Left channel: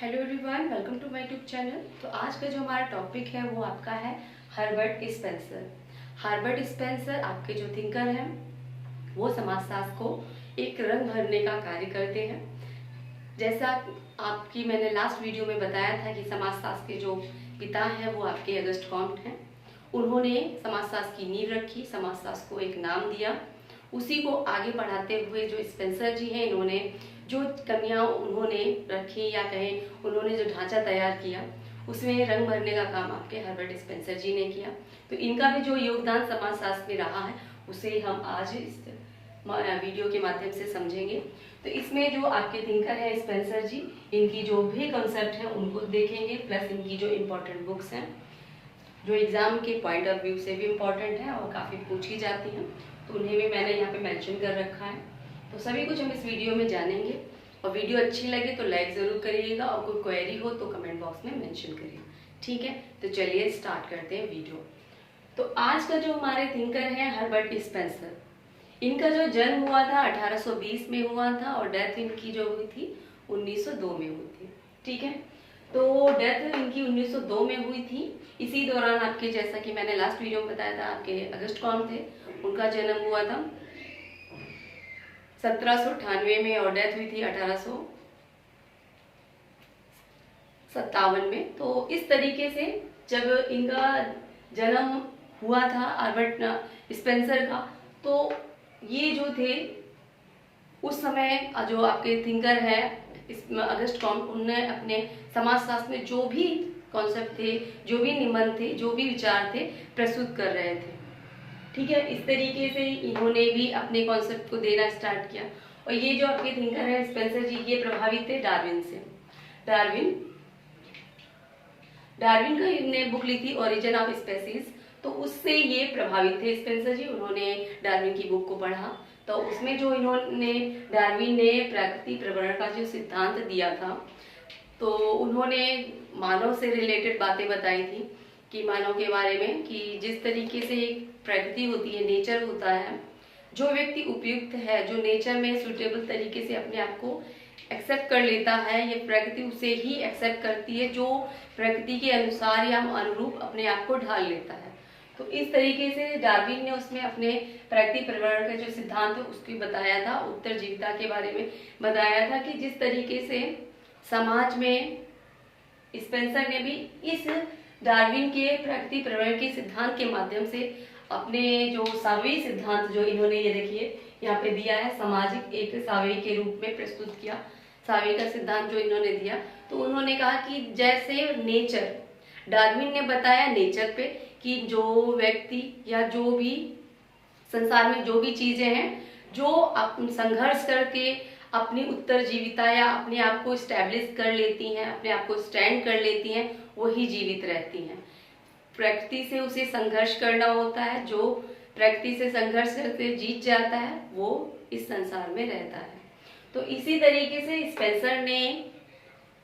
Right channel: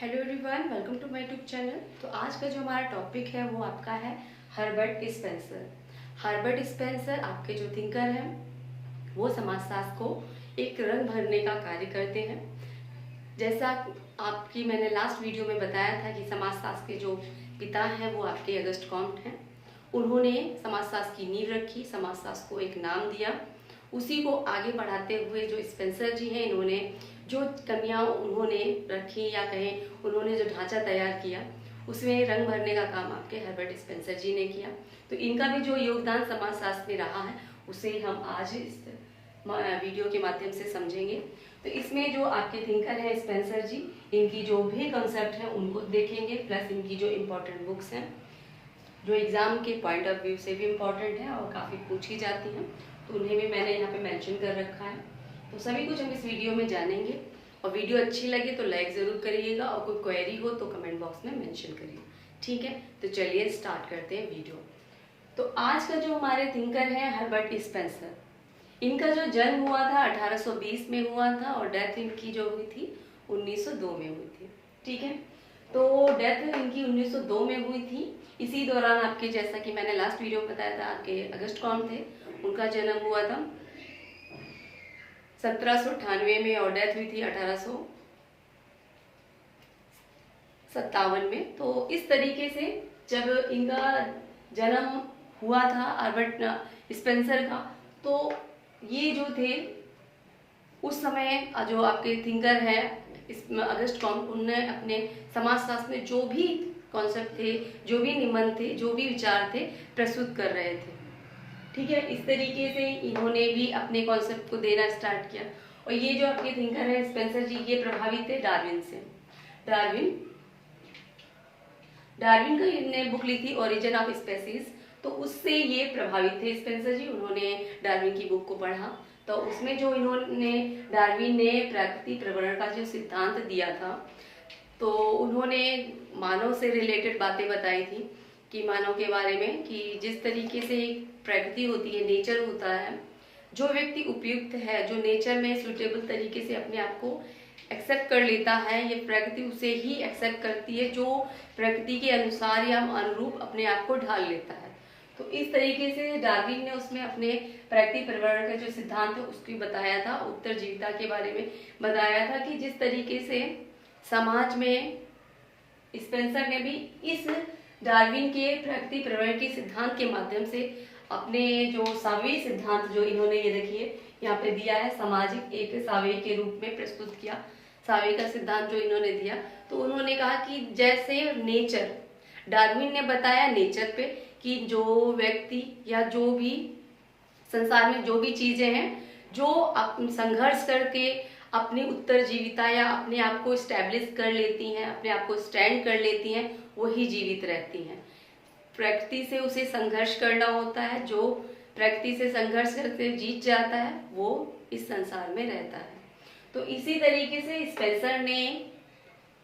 Hello everyone, welcome to my YouTube channel. तो आज का जो हमारा टॉपिक है वो आपका है हर्बर्ट स्पेंसर। हर्बर्ट स्पेंसर आपके जो थिंकर हैं वो समाजशास्त्र को एक रंग भरने का कार्य करते हैं। जैसा आपकी मैंने लास्ट वीडियो में बताया था कि समाजशास्त्र के जो पिता हैं वो आपके अगस्ट कॉम्ट हैं। उन्होंने समाजशास्त्र की नींव रखी, समाजशास्त्र को एक नाम दिया, उसी को आगे बढ़ाते हुए जो स्पेंसर जी हैं इन्होंने जो कमियां उन्होंने रखी या कहें उन्होंने जो ढांचा तैयार किया उसमें रंग भरने का काम आपके हर्बर्ट स्पेंसर जी ने किया। तो इनका भी जो योगदान समाजशास्त्र में रहा है उसे हम आज इस वीडियो के माध्यम से समझेंगे। तो इसमें जो आपके थिंकर है स्पेंसर जी, इनकी जो भी कॉन्सेप्ट है उनको देखेंगे, प्लस इनकी जो इम्पोर्टेंट बुक्स हैं जो एग्जाम के पॉइंट ऑफ व्यू से भी इम्पोर्टेंट है और काफी पूछी जाती हैं, तो उन्हें भी मैंने यहाँ पे मेंशन कर रखा है। तो सभी कुछ हम इस वीडियो में जानेंगे और वीडियो अच्छी लगे तो लाइक जरूर करिएगा और कोई क्वेरी हो तो कमेंट बॉक्स में मेंशन करिए। ठीक है, तो चलिए स्टार्ट करते हैं वीडियो। तो आज का जो हमारे थिंकर हैं हर्बर्ट स्पेंसर, इनका जो जन्म हुआ था 1820 में हुआ था और डेथ इनकी जो हुई थी 1902 में हुई थी। ठीक है, तो डेथ इनकी 1902 में हुई थी। इसी दौरान आपके, जैसा कि मैंने लास्ट वीडियो में बताया था, आपके अगस्ट कौन थे, उनका जन्म हुआ था 1798 में और डेथ हुई थी 1857 में। तो इस तरीके से जब इनका जन्म हुआ था हर्बर्ट स्पेंसर का, तो ये जो थे उस समय जो आपके थिंकर है अगस्ट कॉम्ट, उन्होंने अपने समाजशास्त्र में जो भी कॉन्सेप्ट थे, जो भी निबंध थे, जो भी विचार थे प्रस्तुत कर रहे थे। ठीक है, इस तरीके से इन्होंने भी अपने कॉन्सेप्ट को देना स्टार्ट किया। और ये जो आपके थिंकर है स्पेंसर जी, ये प्रभावित थे डार्विन से। डार्विन का इन्होंने बुक लिखी ओरिजिन ऑफ स्पेसीज, तो उससे ये प्रभावित थे स्पेंसर जी। उन्होंने डार्विन की बुक को पढ़ा तो उसमें जो इन्होंने डार्विन ने प्रकृति प्रवरण का जो सिद्धांत दिया था, तो उन्होंने मानव से रिलेटेड बातें बताई थी कि मानव के बारे में कि जिस तरीके से एक प्रकृति होती है, नेचर होता है, जो व्यक्ति उपयुक्त है, जो नेचर में सुटेबल तरीके से अपने आप को एक्सेप्ट कर लेता है, ये प्रकृति उसे ही एक्सेप्ट करती है जो प्रकृति के अनुसार या अनुरूप अपने आप को ढाल लेता है। तो इस तरीके से डार्विन ने उसमें अपने प्रकृति प्रवरण का जो सिद्धांत है उसको बताया था, उत्तरजीविता के बारे में बताया था कि जिस तरीके से समाज में स्पेंसर ने भी इस डार्विन के प्रकृति प्रवरण के सिद्धांत के माध्यम से अपने जो सावयवी सिद्धांत जो इन्होंने, ये देखिए यहाँ पे दिया है, सामाजिक एक सावयवी के रूप में प्रस्तुत किया। सावयवी का सिद्धांत जो इन्होंने दिया, तो उन्होंने कहा कि जैसे नेचर, डार्विन ने बताया नेचर पे कि जो व्यक्ति या जो भी संसार में जो भी चीजें हैं जो संघर्ष करके अपनी उत्तरजीविता या अपने आप को स्टैब्लिश कर लेती हैं, अपने आप को स्टैंड कर लेती हैं, वही जीवित रहती हैं। प्रकृति से उसे संघर्ष करना होता है, जो प्रकृति से संघर्ष करके जीत जाता है वो इस संसार में रहता है। तो इसी तरीके से स्पेंसर ने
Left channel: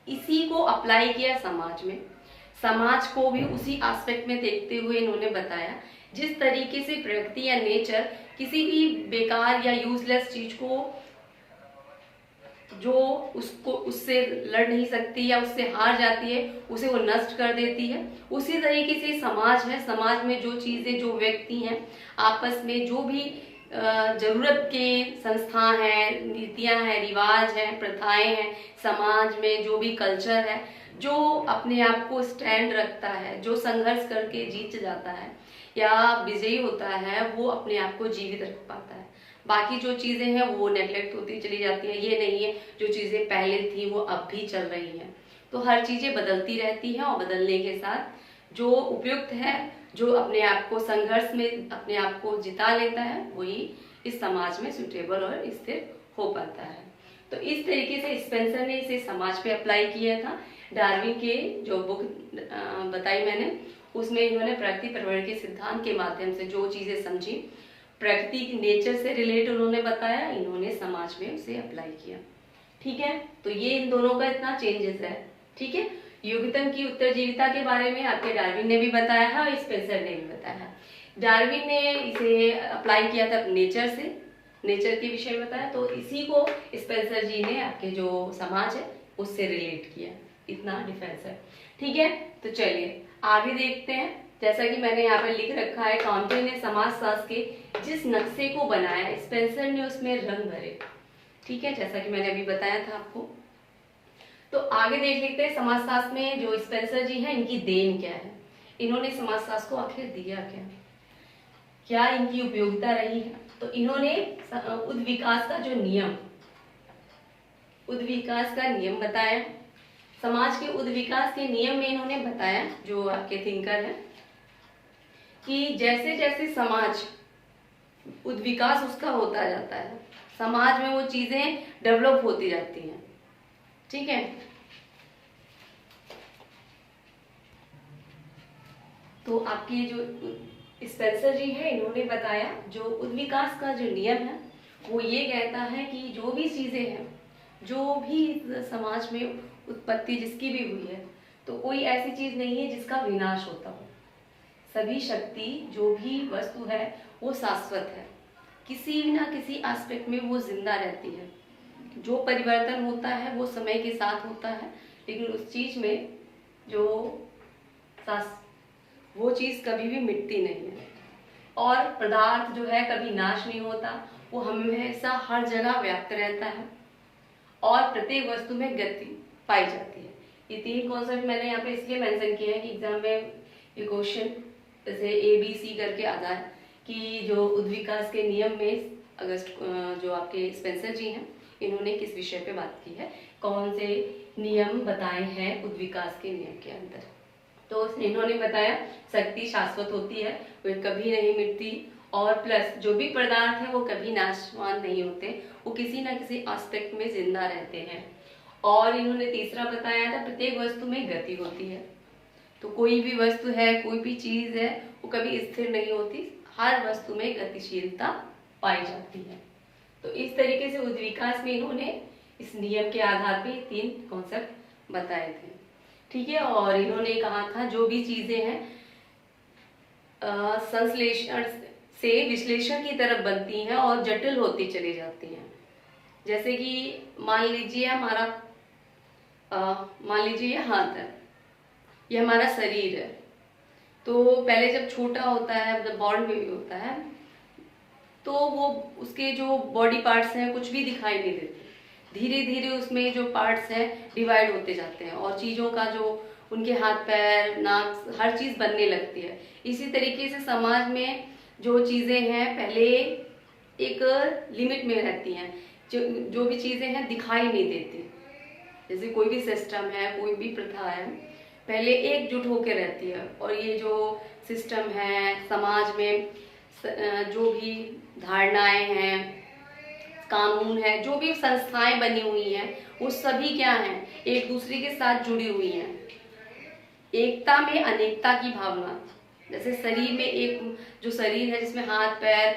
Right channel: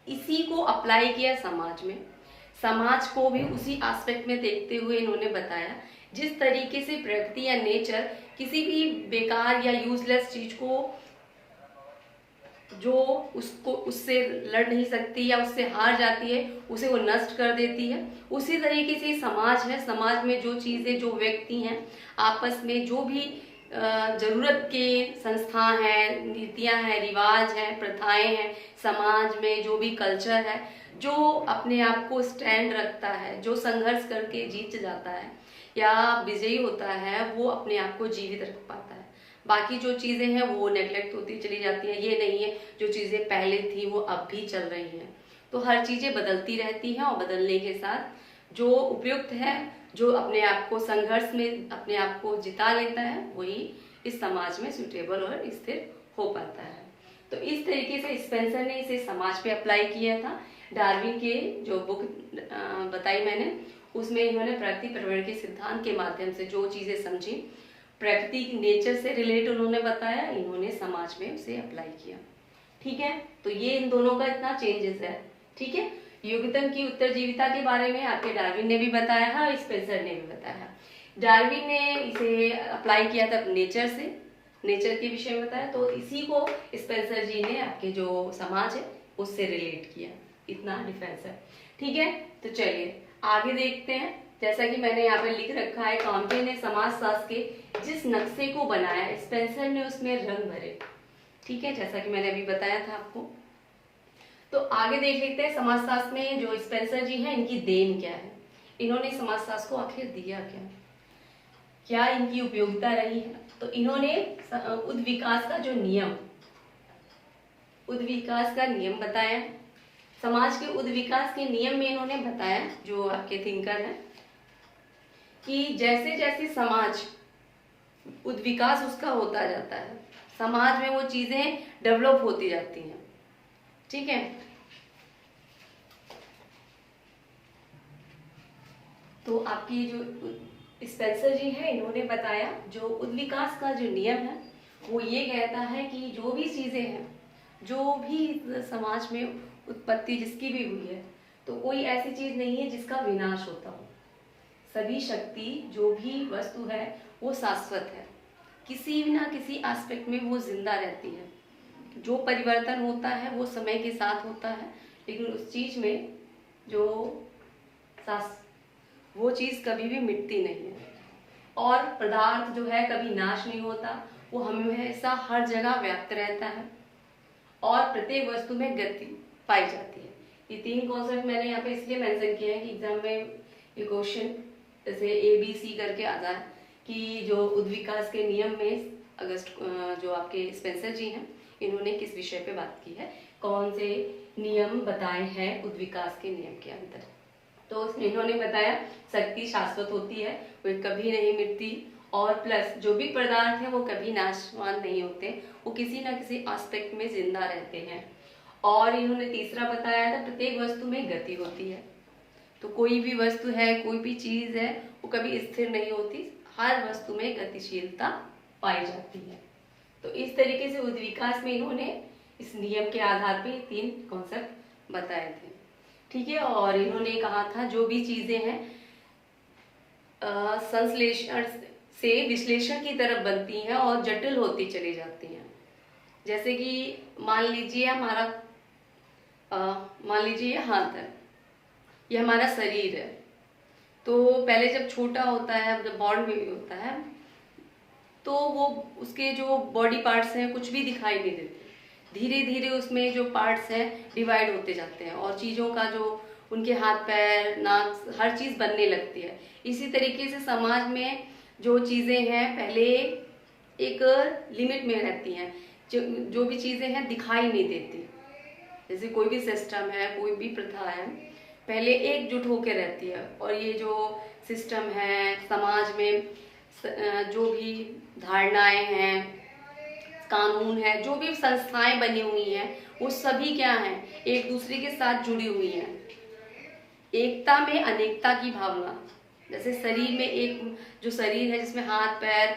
इसी को अप्लाई किया समाज में। समाज को भी उसी एस्पेक्ट में देखते हुए इन्होंने बताया जिस तरीके से प्रकृति या नेचर किसी भी बेकार या यूजलेस चीज को जो उससे लड़ नहीं सकती या उससे हार जाती है उसे वो नष्ट कर देती है, उसी तरीके से समाज है। समाज में जो चीजें, जो व्यक्ति हैं, आपस में जो भी जरूरत के संस्था हैं, नीतियां हैं, रिवाज हैं, प्रथाएं हैं, समाज में जो भी कल्चर है, जो अपने आप को स्टैंड रखता है, जो संघर्ष करके जीत जाता है या विजयी होता है, वो अपने आप को जीवित रख पाता है। बाकी जो चीजें हैं वो नेग्लेक्ट होती चली जाती हैं। ये नहीं है जो चीजें पहले थी वो अब भी चल रही हैं। तो हर चीजें बदलती रहती हैं और बदलने के साथ जो उपयुक्त है, जो अपने आप को संघर्ष में अपने आप को जिता लेता है, वही इस समाज में सुटेबल और स्थिर हो पाता है। तो इस तरीके से स्पेंसर ने इसे समाज पे अप्लाई किया था। डार्विन के जो बुक बताई मैंने, उसमें इन्होंने प्रकृति प्रवरण के सिद्धांत के माध्यम से जो चीजें समझी, प्रकृति की नेचर से रिलेट उन्होंने बताया, इन्होंने समाज में उसे अप्लाई किया। ठीक है, तो ये इन दोनों का इतना चेंजेस है। ठीक है, युगतम की उत्तरजीविता के बारे में आपके डार्विन ने भी बताया है और स्पेंसर ने भी बताया। डार्विन ने इसे अप्लाई किया था नेचर से, नेचर के विषय में बताया, तो इसी को स्पेंसर जी ने आपके जो समाज है उससे रिलेट किया। इतना डिफरेंस है। ठीक है, तो चलिए आगे देखते हैं। जैसा कि मैंने यहाँ पे लिख रखा है, काउंटे ने समाजशास्त्र के जिस नक्शे को बनाया स्पेंसर ने उसमें रंग भरे। ठीक है, जैसा कि मैंने अभी बताया था आपको। तो आगे देख लेते हैं समाजशास्त्र में जो स्पेंसर जी हैं इनकी देन क्या है, इन्होंने समाजशास्त्र को आखिर दिया क्या, क्या इनकी उपयोगिता रही है। तो इन्होंने उद्विकास का जो नियम, उद्विकास का नियम बताया। समाज के उद्विकास के नियम में इन्होंने बताया, जो आपके थिंकर हैं, कि जैसे जैसे समाज उद्विकास उसका होता जाता है, समाज में वो चीजें डेवलप होती जाती हैं। ठीक है, तो आपकी जो स्पेंसर जी है इन्होंने बताया जो उद्विकास का जो नियम है वो ये कहता है कि जो भी चीजें हैं, जो भी समाज में उत्पत्ति जिसकी भी हुई है, तो कोई ऐसी चीज नहीं है जिसका विनाश होता हो। सभी शक्ति जो भी वस्तु है वो शाश्वत है, किसी ना किसी एस्पेक्ट में वो जिंदा रहती है। जो परिवर्तन होता है वो समय के साथ होता है, लेकिन उस चीज में जो वो चीज कभी भी मिटती नहीं है। और पदार्थ जो है कभी नाश नहीं होता, वो हमेशा हर जगह व्याप्त रहता है और प्रत्येक वस्तु में गति पाई जाती है। ये तीन कॉन्सेप्ट मैंने यहाँ पे इसलिए मेंशन किए हैं कि एग्जाम में ये क्वेश्चन जैसे ABC करके आता है कि जो उद्विकास के नियम में अगस्त जो आपके स्पेंसर जी हैं इन्होंने किस विषय पे बात की है, कौन से नियम बताए हैं उद्विकास के नियम के अंदर। तो इन्होंने बताया शक्ति शाश्वत होती है, वो कभी नहीं मिटती, और प्लस जो भी पदार्थ है वो कभी नाशवान नहीं होते, वो किसी ना किसी एस्पेक्ट में जिंदा रहते हैं। और इन्होंने तीसरा बताया था प्रत्येक वस्तु में गति होती है। तो कोई भी वस्तु है, कोई भी चीज है, वो कभी स्थिर नहीं होती, हर वस्तु में गतिशीलता पाई जाती है। तो इस तरीके से उद्विकास में इन्होंने इस नियम के आधार पे 3 कॉन्सेप्ट बताए थे। ठीक है, और इन्होंने कहा था जो भी चीजें हैं संश्लेषण से विश्लेषण की तरफ बनती हैं और जटिल होती चली जाती हैं। जैसे कि मान लीजिए हमारा मान लीजिए हाथ है, ये हमारा शरीर है। तो पहले जब छोटा होता है, मतलब बॉर्न बेबी होता है, तो वो उसके जो बॉडी पार्ट्स हैं कुछ भी दिखाई नहीं देते। धीरे धीरे उसमें जो पार्ट्स हैं डिवाइड होते जाते हैं और चीजों का जो उनके हाथ पैर नाक हर चीज बनने लगती है। इसी तरीके से समाज में जो चीजें हैं पहले एक लिमिट में रहती हैं, जो भी चीजें हैं दिखाई नहीं देती। जैसे कोई भी सिस्टम है, कोई भी प्रथा है, पहले एकजुट होकर रहती है, और ये जो सिस्टम है समाज में जो भी धारणाएं हैं, कानून है, जो भी संस्थाएं बनी हुई हैं, वो सभी क्या हैं, एक दूसरे के साथ जुड़ी हुई हैं। एकता में अनेकता की भावना, जैसे शरीर में एक जो शरीर है जिसमें हाथ पैर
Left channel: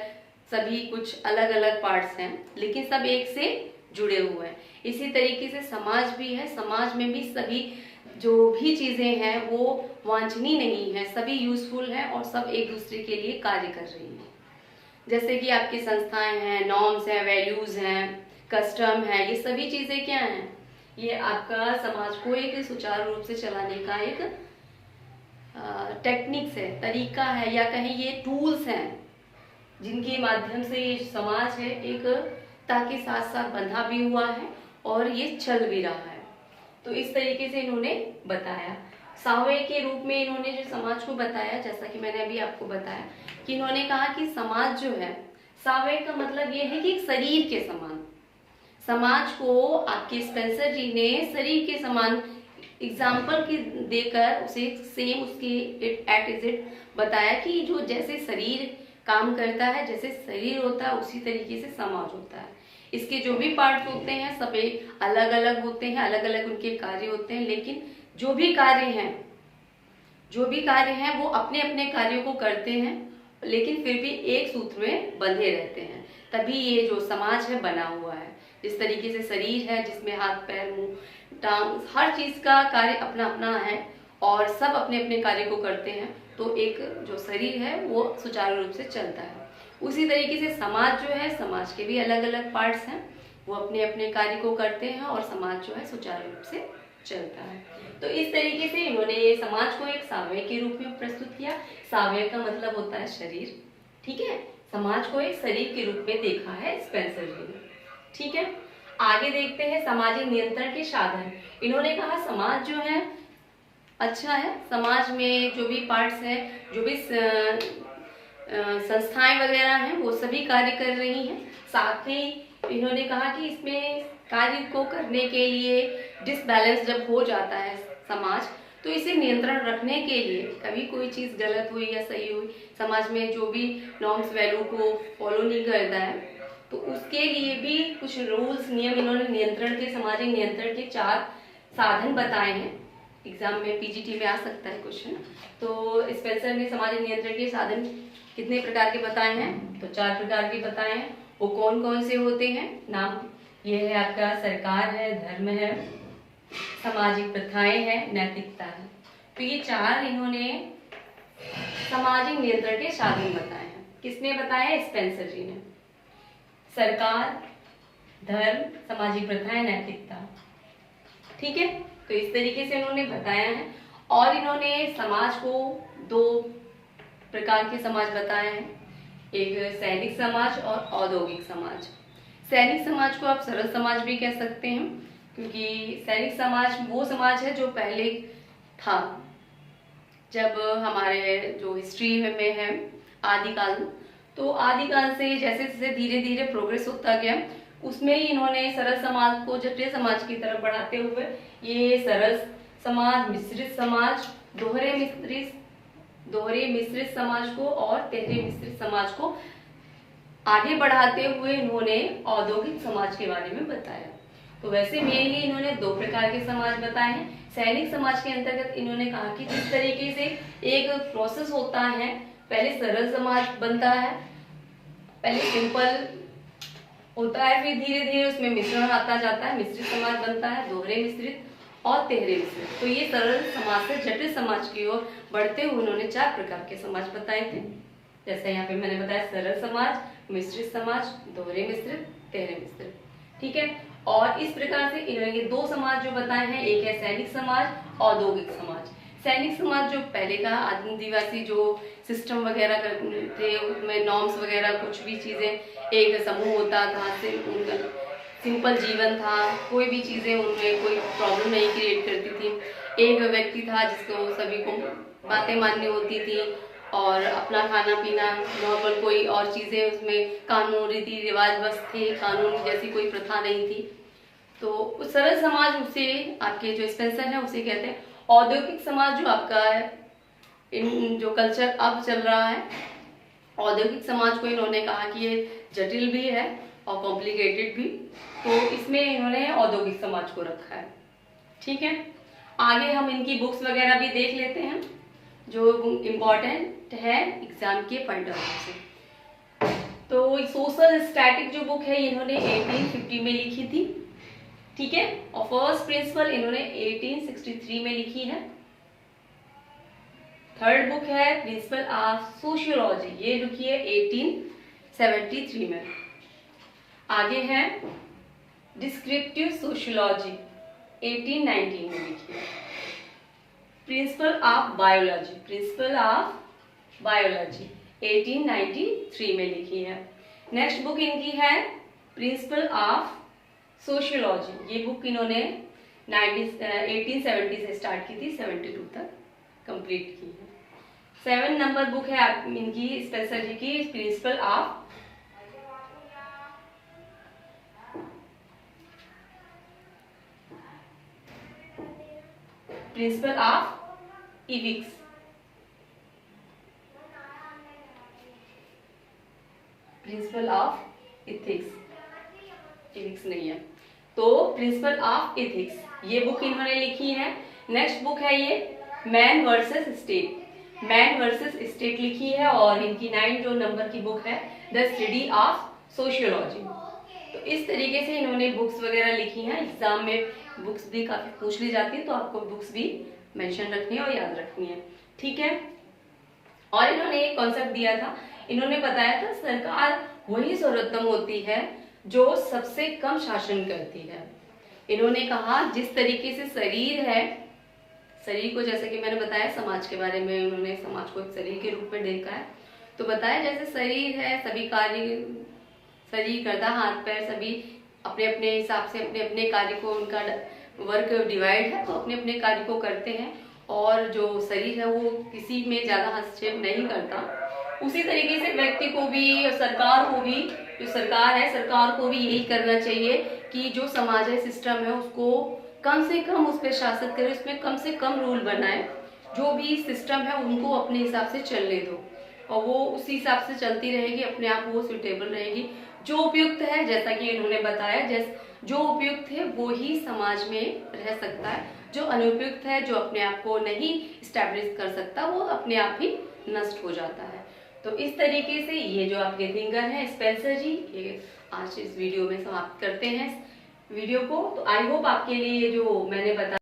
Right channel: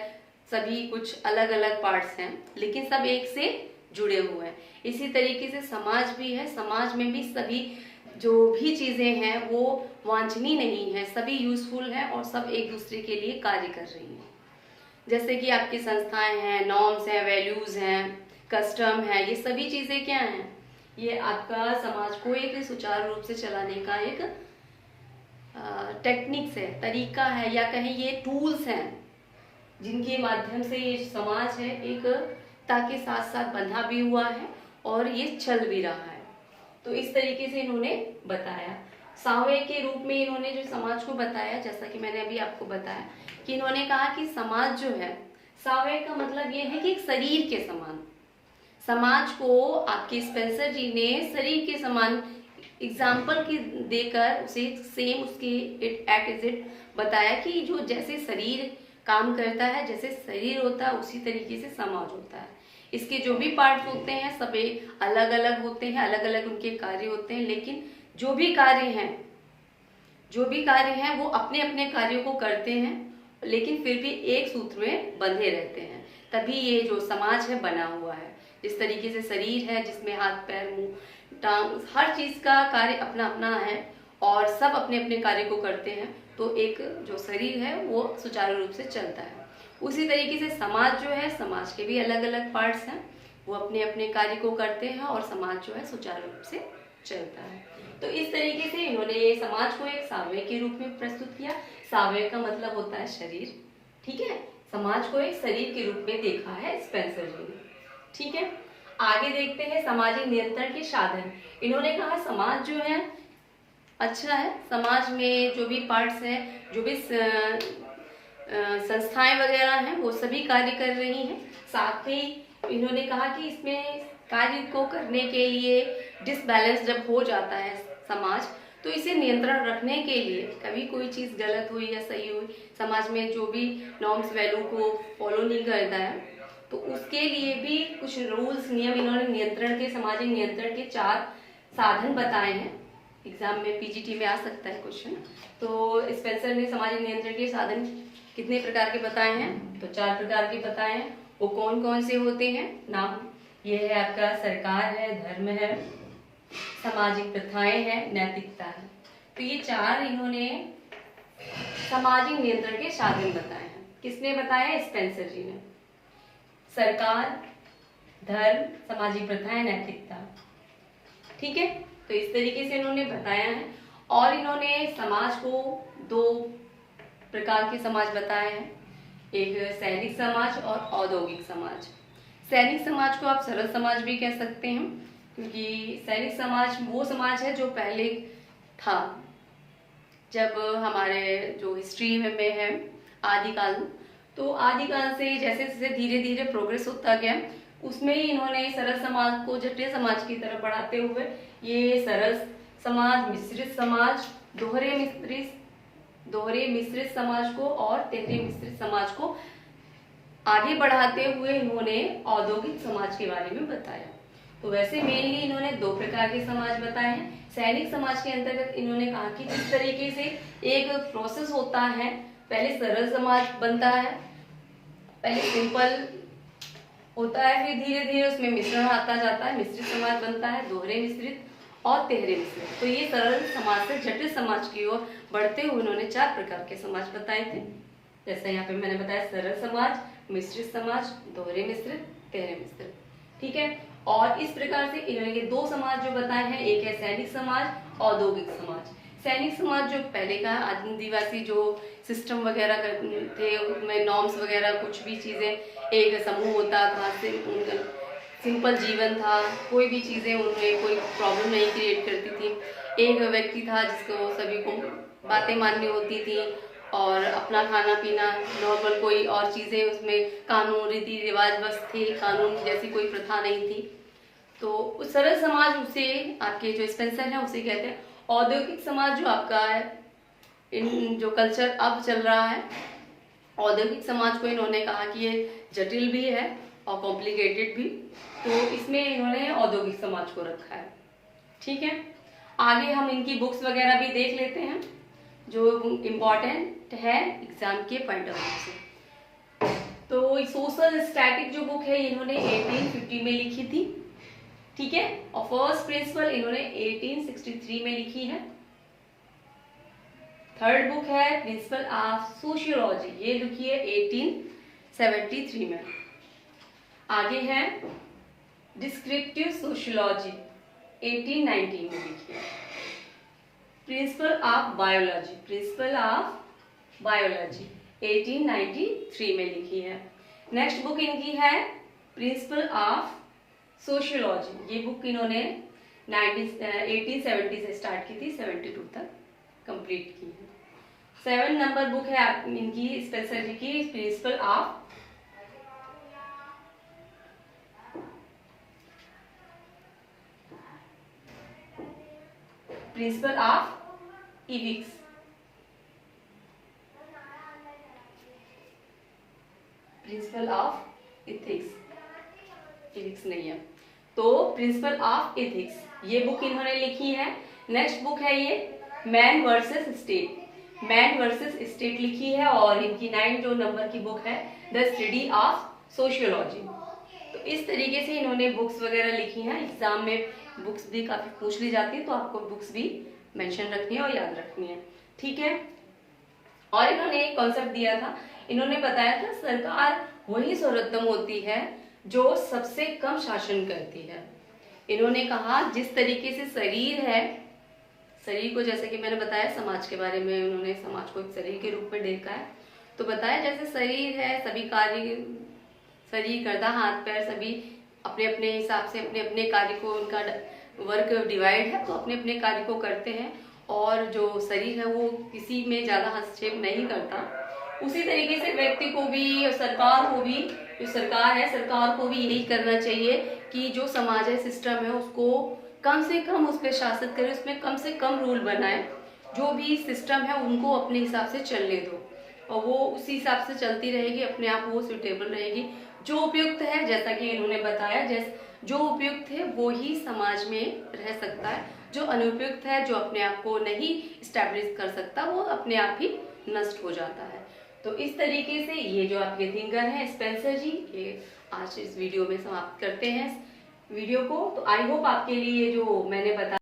सभी कुछ अलग अलग पार्ट्स हैं, लेकिन सब एक से जुड़े हुए हैं। इसी तरीके से समाज भी है, समाज में भी सभी जो भी चीजें हैं वो वांछनीय नहीं है, सभी यूजफुल है और सब एक दूसरे के लिए कार्य कर रही हैं। जैसे कि आपकी संस्थाएं हैं, नॉर्म्स हैं, वैल्यूज हैं, कस्टम है, ये सभी चीजें क्या हैं, ये आपका समाज को एक सुचारू रूप से चलाने का एक टेक्निक्स है, तरीका है, या कहीं ये टूल्स हैं जिनके माध्यम से ये समाज है एक ताकि साथ साथ बंधा भी हुआ है और ये चल भी रहा है। तो इस तरीके से इन्होंने बताया। सावे के रूप में इन्होंने जो समाज को बताया, जैसा कि मैंने अभी आपको बताया कि इन्होंने कहा कि समाज जो है, सावे का मतलब ये है कि एक शरीर के समान। समाज को आपके स्पेंसर जी ने शरीर के समान एग्जाम्पल की देकर उसे सेम उसके एट इज इट बताया कि जो जैसे शरीर काम करता है, जैसे शरीर होता है, उसी तरीके से समाज होता है। इसके जो भी पार्ट होते हैं सब अलग अलग होते हैं, अलग अलग उनके कार्य होते हैं, लेकिन जो भी कार्य हैं वो अपने अपने कार्यों को करते हैं, लेकिन फिर भी एक सूत्र में बंधे रहते हैं। तभी ये जो समाज है बना हुआ है। जिस तरीके से शरीर है जिसमें हाथ पैर मुंह टांग हर चीज का कार्य अपना अपना है और सब अपने अपने कार्य को करते हैं, तो एक जो शरीर है वो सुचारू रूप से चलता है। उसी तरीके से समाज जो है, समाज के भी अलग अलग पार्ट्स हैं, वो अपने अपने कार्य को करते हैं और समाज जो है सुचारू रूप से चलता है। तो इस तरीके से इन्होंने समाज को एक सावयव के रूप में प्रस्तुत किया। सावयव का मतलब होता है शरीर, ठीक है। समाज को एक शरीर के रूप में देखा है स्पेंसर जी ने, ठीक है। आगे देखते हैं सामाजिक नियंत्रण के साधन। इन्होंने कहा समाज जो है अच्छा है, समाज में जो भी पार्ट्स हैं, जो भी संस्थाएं वगैरह हैं, वो सभी कार्य कर रही हैं। साथ ही इन्होंने कहा कि इसमें कार्य को करने के लिए डिसबैलेंस जब हो जाता है समाज, तो इसे नियंत्रण रखने के लिए कभी कोई चीज गलत हुई या सही हुई, समाज में जो भी नॉर्म्स वैल्यू को फॉलो नहीं करता है, तो उसके लिए भी कुछ रूल्स नियम इन्होंने नियंत्रण के, सामाजिक नियंत्रण के 4 साधन बताए हैं। एग्जाम में पीजीटी में आ सकता है क्वेश्चन। तो स्पेंसर ने सामाजिक नियंत्रण के साधन कितने प्रकार के बताए हैं? तो 4 प्रकार के बताए हैं। वो कौन कौन से होते हैं? नाम ये है आपका सरकार है, धर्म है, सामाजिक प्रथाएं हैं, नैतिकता है। तो ये 4 इन्होंने सामाजिक नियंत्रण के साधन बताए हैं। किसने बताया? स्पेंसर जी ने। सरकार, धर्म, सामाजिक प्रथाएं, नैतिकता, ठीक है। तो इस तरीके से इन्होंने बताया है। और इन्होंने समाज को 2 प्रकार के समाज बताए हैं, एक सैनिक समाज और औद्योगिक समाज। सैनिक समाज को आप सरल समाज भी कह सकते हैं, क्योंकि सैनिक समाज वो समाज है जो पहले था, जब हमारे जो हिस्ट्री में है आदिकाल, तो आदिकाल से जैसे जैसे धीरे धीरे प्रोग्रेस होता गया, उसमें ही इन्होंने सरल समाज को जटिल समाज की तरफ बढ़ाते हुए ये सरल समाज, मिश्रित समाज, दोहरे मिश्रित समाज को और तिहरे मिश्रित समाज को आगे बढ़ाते हुए इन्होंने औद्योगिक समाज के बारे में बताया। तो वैसे मेनली इन्होंने 2 प्रकार के समाज बताए हैं। सैनिक समाज के अंतर्गत इन्होंने कहा कि किस तरीके से एक प्रोसेस होता है, पहले सरल समाज बनता है, पहले सिंपल होता है, फिर धीरे धीरे उसमें मिश्रण आता जाता है, मिश्रित समाज बनता है, दोहरे मिश्रित और तिहरे मिश्रित। तो ये सरल समाज से जटिल समाज की ओर बढ़ते हुए उन्होंने 4 प्रकार के समाज बताए थे। जैसे यहाँ पे मैंने बताया सरल समाज, मिश्रित समाज, दोहरे मिश्रित, तिहरे मिश्रित, ठीक है। और इस प्रकार से इन्होंने ये 2 समाज जो बताए हैं, एक है सैनिक समाज, औद्योगिक समाज। सैनिक समाज जो पहले का आदिवासी जो सिस्टम वगैरह करते थे, उसमें नॉर्म्स वगैरह कुछ भी चीजें, एक समूह होता था, सिंपल जीवन था, कोई भी चीजें उनमें कोई प्रॉब्लम नहीं क्रिएट करती थी। एक व्यक्ति था जिसको सभी को बातें माननी होती थी और अपना खाना पीना नॉर्मल, कोई और चीजें उसमें कानून रीति रिवाज बस थे, कानून जैसी कोई प्रथा नहीं थी। तो उस सरल समाज उसे आपके जो स्पेंसर है उसे कहते हैं। औद्योगिक समाज जो आपका है, इन जो कल्चर अब चल रहा है, औद्योगिक समाज को इन्होंने कहा कि ये जटिल भी है और कॉम्प्लिकेटेड भी, तो इसमें इन्होंने औद्योगिक समाज को रखा है, ठीक है। आगे हम इनकी बुक्स वगैरह भी देख लेते हैं जो इम्पोर्टेंट है एग्जाम के पॉइंट ऑफ व्यू से। तो सोशल स्टैटिक जो बुक है इन्होंने 1850 में लिखी थी, ठीक है। और फर्स्ट प्रिंसिपल इन्होंने 1863 में लिखी है। थर्ड बुक है प्रिंसिपल ऑफ सोशियोलॉजी, ये लिखी है 1873 में। आगे है डिस्क्रिप्टिव सोशियोलॉजी 1819 में लिखी है। प्रिंसिपल ऑफ बायोलॉजी 1893 में लिखी है। नेक्स्ट बुक इनकी है प्रिंसिपल ऑफ सोशियोलॉजी, ये बुक इन्होंने 1870 से स्टार्ट की थी, 72 तक कंप्लीट की है। 7 नंबर बुक है इनकी स्पेंसर जी की principle of ethics, principle of ethics नहीं है, तो प्रिंसिपल ऑफ इथिक्स ये बुक इन्होंने लिखी है। नेक्स्ट बुक है ये मैन वर्सेस स्टेट लिखी है, और इनकी 9 जो नंबर की बुक है द स्टडी ऑफ सोशियोलॉजी। तो इस तरीके से इन्होंने बुक्स वगैरह लिखी हैं। एग्जाम में बुक्स भी काफी पूछ ली जाती है, तो आपको बुक्स भी मेंशन रखनी है और याद रखनी है, ठीक है। और इन्होंने एक कॉन्सेप्ट दिया था, इन्होंने बताया था सरकार वही सर्वोत्तम होती है जो सबसे कम शासन करती है। इन्होंने कहा जिस तरीके से शरीर है, शरीर को जैसे कि मैंने बताया समाज के बारे में, उन्होंने समाज को एक शरीर के रूप में देखा है। तो बताया जैसे शरीर है, सभी कार्य, शरीर करता, हाथ पैर सभी अपने अपने हिसाब से अपने अपने कार्य को, उनका वर्क डिवाइड है तो अपने अपने कार्य को करते हैं, और जो शरीर है वो किसी में ज्यादा हस्तक्षेप नहीं करता। उसी तरीके से व्यक्ति को भी और सरकार को भी, जो सरकार है सरकार को भी यही करना चाहिए कि जो समाज है, सिस्टम है, उसको कम से कम उस पर शासित करे, उसमें कम से कम रूल बनाए, जो भी सिस्टम है उनको अपने हिसाब से चलने दो और वो उसी हिसाब से चलती रहेगी, अपने आप वो सुटेबल रहेगी। जो उपयुक्त है, जैसा कि इन्होंने बताया, जो उपयुक्त है वो ही समाज में रह सकता है, जो अनुपयुक्त है, जो अपने आप को नहीं स्टैब्लिश कर सकता, वो अपने आप ही नष्ट हो जाता है। तो इस तरीके से ये जो आपके थिंकर हैं स्पेंसर जी, ये आज इस वीडियो में समाप्त करते हैं वीडियो को। तो आई होप आपके लिए जो मैंने बताया